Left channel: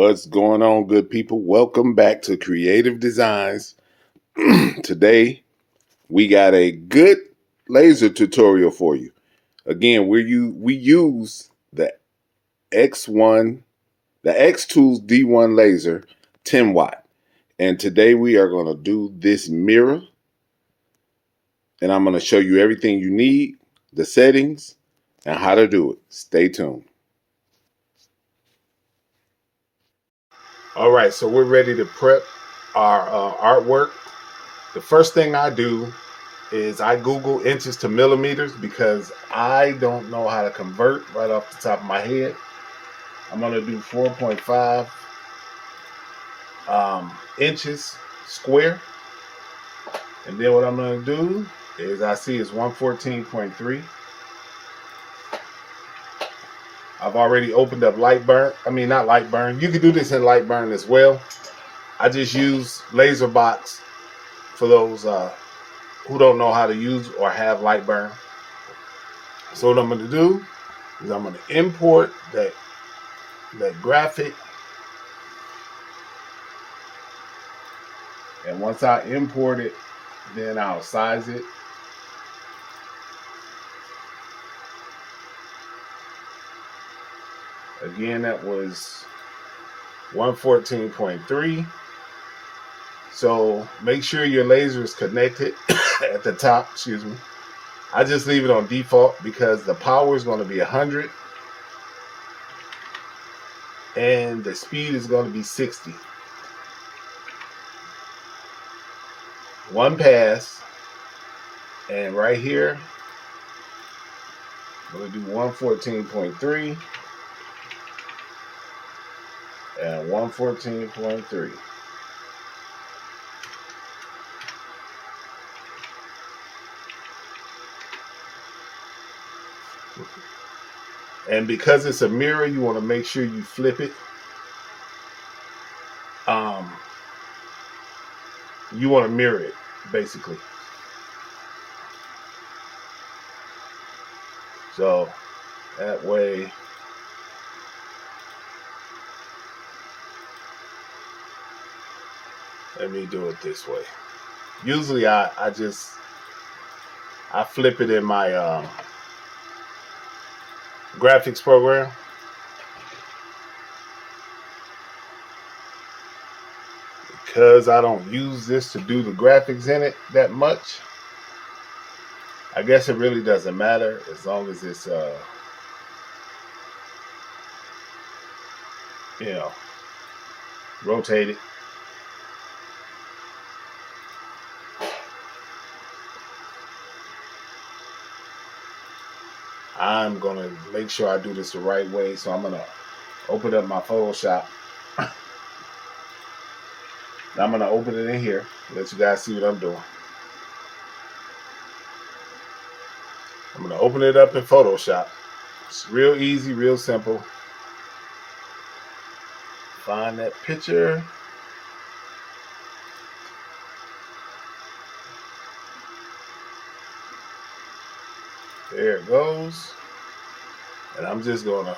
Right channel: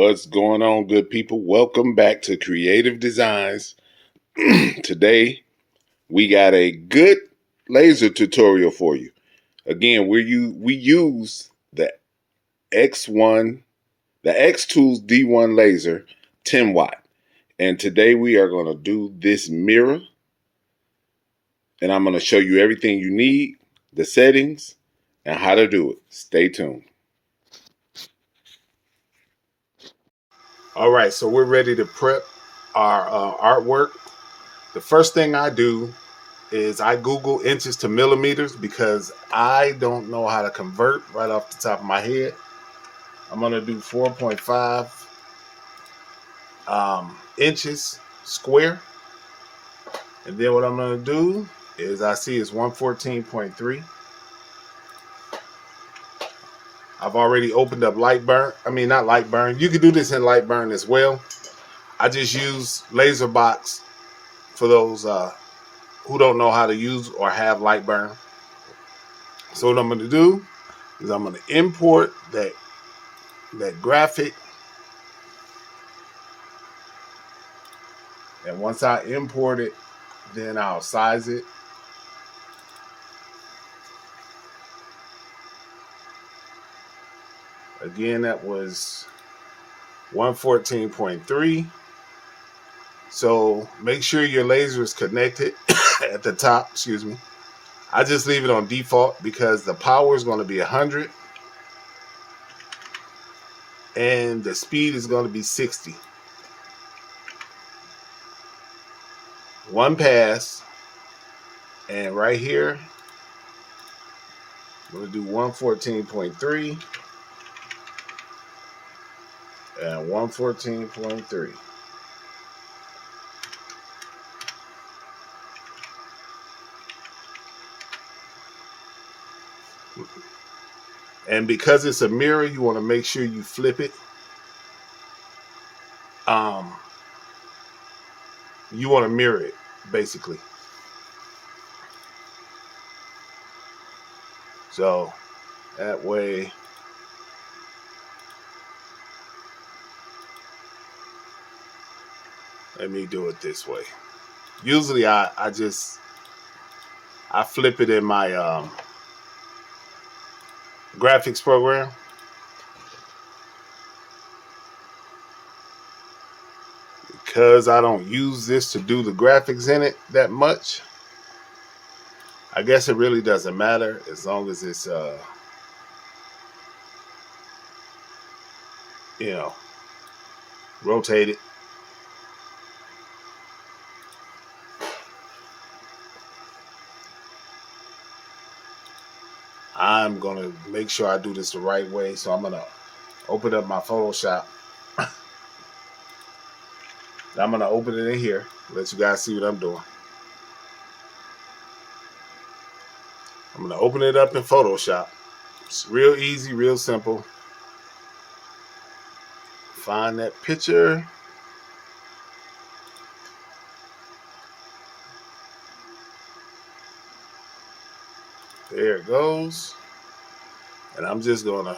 What's going on, good people? Welcome back to Creative Designs. Today, we got a good laser tutorial for you. Again, we use the X1, the X Tools D1 laser 10 watt. And today we are going to do this mirror. And I'm going to show you everything you need, the settings, and how to do it. Stay tuned. All right, so we're ready to prep our artwork. The first thing I do is I Google inches to millimeters because I don't know how to convert right off the top of my head. I'm going to do 4.5 inches square. And then what I'm going to do is I see it's 114.3. I've already opened up Lightburn. I mean, not Lightburn. You can do this in Lightburn as well. I just use LaserBox for those who don't know how to use or have Lightburn. So what I'm going to do is I'm going to import that graphic. And once I import it, then I'll size it. Again, that was 114.3. So make sure your laser is connected at the top, excuse me. I just leave it on default because the power is going to be 100 and the speed is going to be 60. One pass, and right here I'm going to do 114.3 and 114.3. And because it's a mirror, you want to make sure you flip it. You want to mirror it, basically. So that way, let me do it this way. Usually I flip it in my graphics program. Because I don't use this to do the graphics in it that much, I guess it really doesn't matter as long as it's rotated. I'm gonna make sure I do this the right way, so I'm gonna open up my Photoshop. I'm gonna open it in here, let you guys see what I'm doing. I'm gonna open it up in Photoshop. It's real easy, real simple. Find that picture. There it goes. And I'm just gonna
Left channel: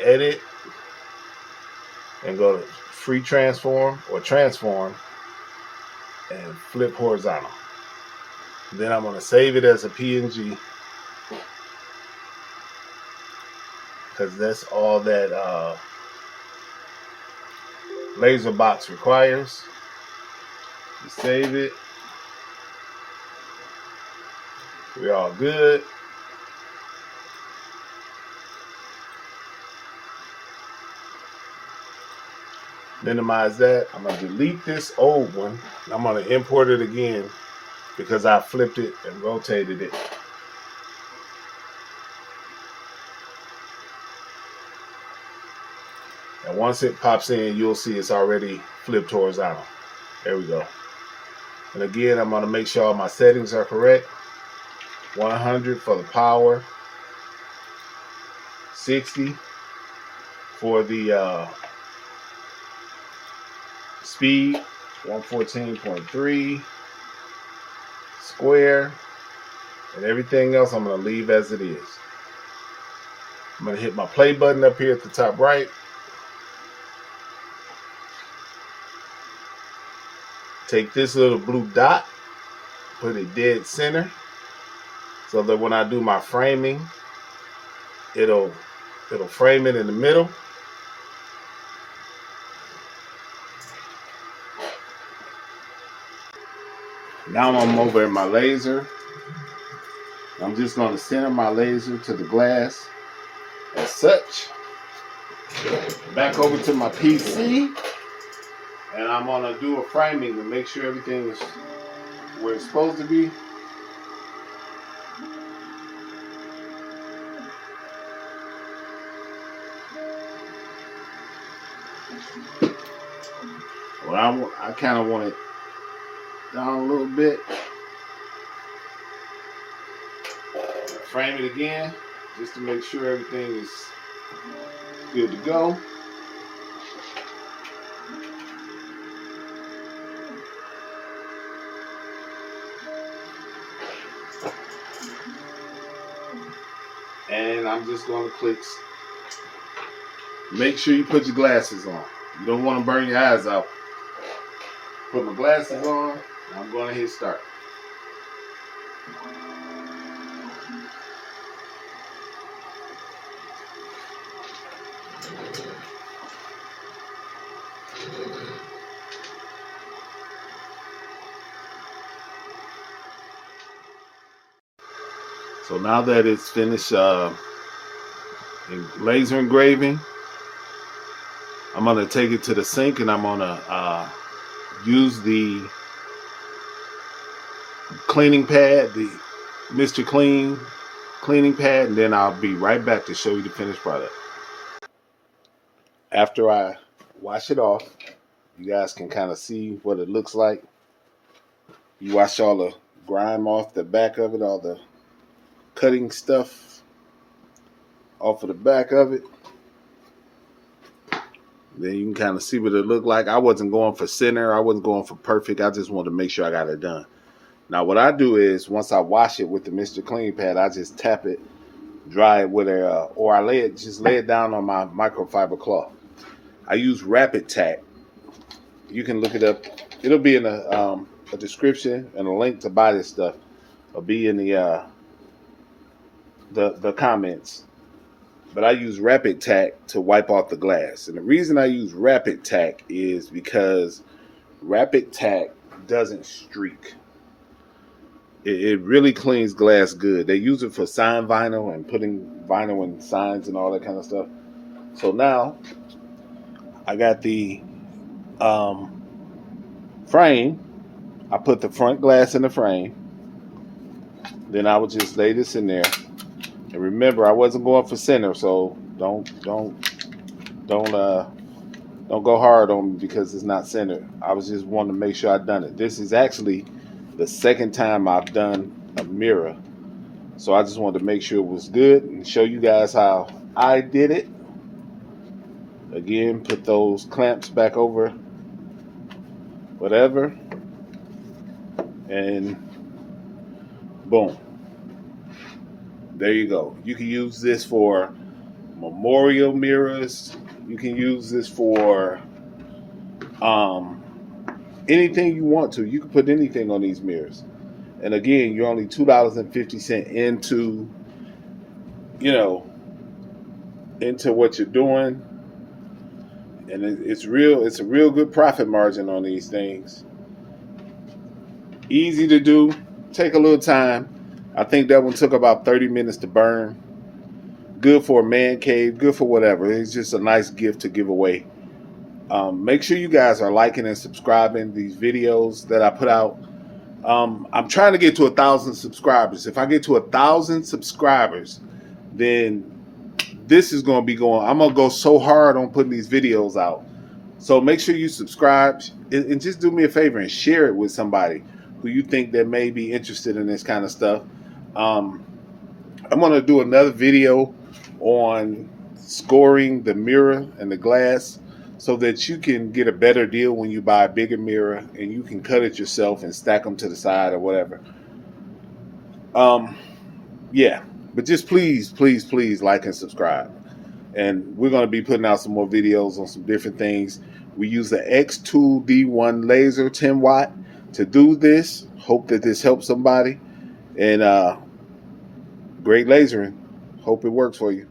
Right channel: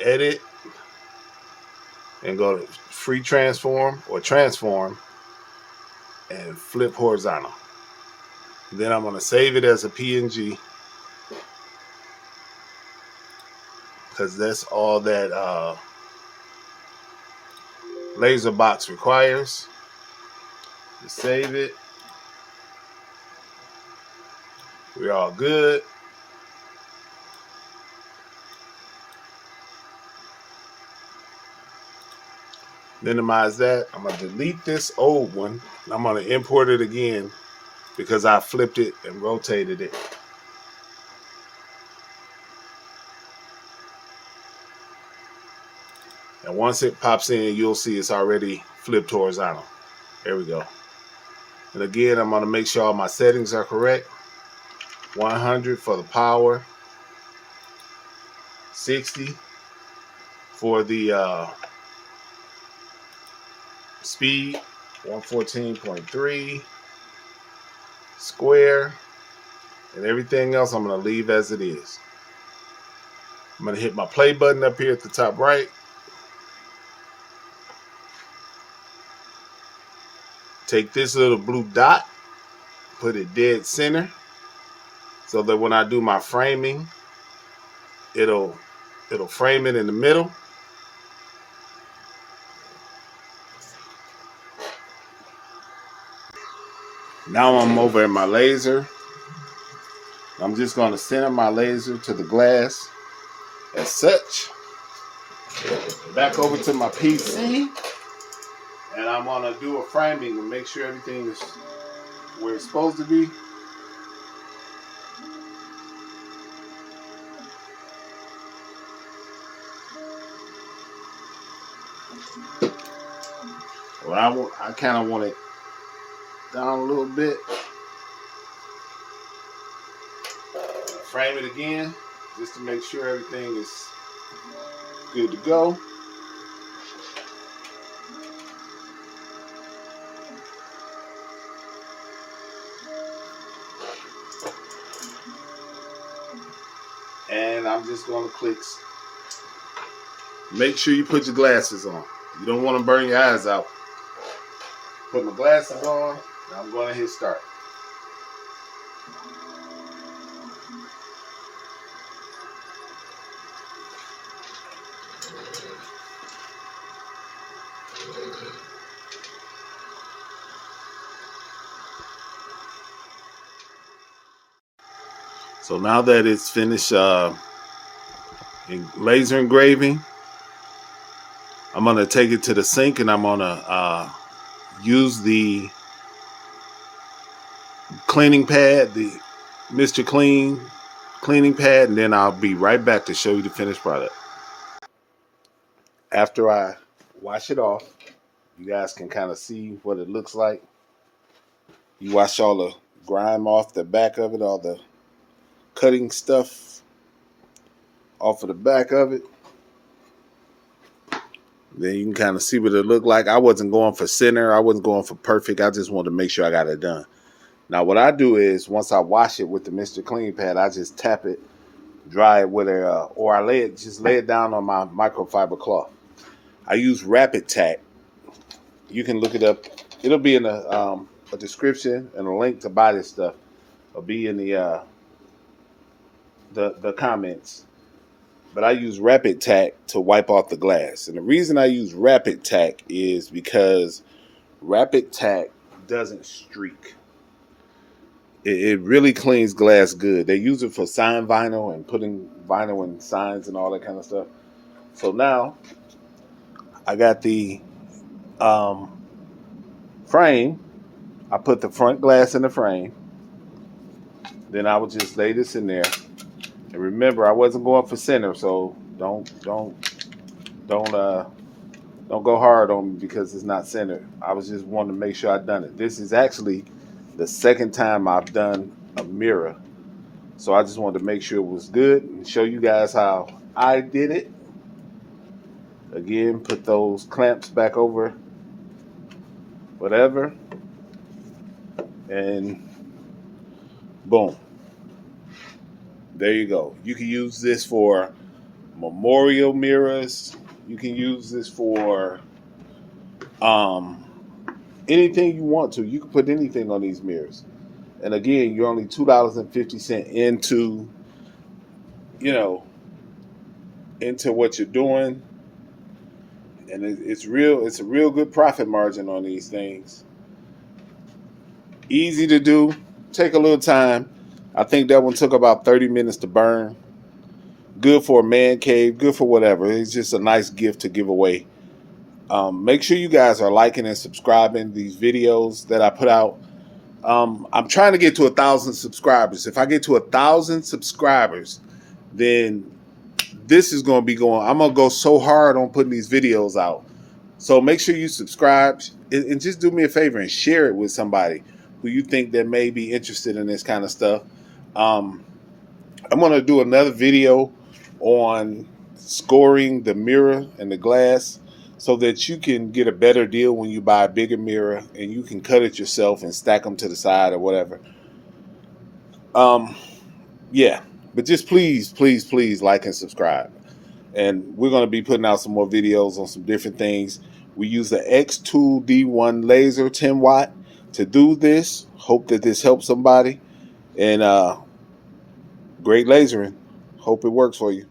edit and go to free transform or transform and flip horizontal. Then I'm gonna save it as a PNG because that's all that LaserBox requires. You save it. We're all good. Minimize that. I'm going to delete this old one. I'm going to import it again because I flipped it and rotated it. And once it pops in, you'll see it's already flipped horizontal. There we go. And again, I'm going to make sure all my settings are correct. 100 for the power. 60 for the speed. 114.3 square. And everything else I'm going to leave as it is. I'm going to hit my play button up here at the top right. take this little blue dot, put it dead center, so that when I do my framing, it'll frame it in the middle. Now I'm over at my laser. I'm just going to center my laser to the glass as such. Back over to my PC, and I'm going to do a framing to make sure everything is where it's supposed to be. Well, I kind of want it down a little bit. Frame it again, just to make sure everything is good to go. And I'm just going to click. Make sure you put your glasses on. You don't want to burn your eyes out. Put my glasses on, and I'm going to hit start. So now that it's finished laser engraving, I'm going to take it to the sink, and I'm going to use the cleaning pad, the Mr. Clean cleaning pad, and then I'll be right back to show you the finished product. After I wash it off, you guys can kind of see what it looks like. You wash all the grime off the back of it, all the cutting stuff off of the back of it. Then you can kind of see what it looked like. I wasn't going for center. I wasn't going for perfect. I just wanted to make sure I got it done. Now what I do is, once I wash it with the Mr. Clean pad, I just tap it, dry it with or I lay it down on my microfiber cloth. I use Rapid Tack. You can look it up. It'll be in a description, and a link to buy this stuff will be in the comments. But I use Rapid Tack to wipe off the glass. And the reason I use Rapid Tack is because Rapid Tack doesn't streak. It really cleans glass good. They use it for sign vinyl and putting vinyl in signs and all that kind of stuff. So now I got the frame. I put the front glass in the frame. Then I would just lay this in there. And remember, I wasn't going for center, so don't go hard on me because it's not centered. I was just wanting to make sure I'd done it. This is actually the second time I've done a mirror, so I just wanted to make sure it was good and show you guys how I did it. Again, put those clamps back over whatever, and boom. There you go. You can use this for memorial mirrors. You can use this for anything you want to. You can put anything on these mirrors. And again, you're only $2.50 into what you're doing. And it's a real good profit margin on these things. Easy to do. Take a little time. I think that one took about 30 minutes to burn. Good for a man cave, good for whatever. It's just a nice gift to give away. Make sure you guys are liking and subscribing these videos that I put out. I'm trying to get to 1,000 subscribers. If I get to 1,000 subscribers, then this is going to be going. I'm going to go so hard on putting these videos out. So make sure you subscribe and just do me a favor and share it with somebody who you think that may be interested in this kind of stuff. I'm going to do another video on scoring the mirror and the glass so that you can get a better deal when you buy a bigger mirror, and you can cut it yourself and stack them to the side or whatever. Yeah, but just please like and subscribe. And we're going to be putting out some more videos on some different things. We use the X2 D1 laser 10 watt to do this. Hope that this helps somebody. And great lasering. Hope it works for you.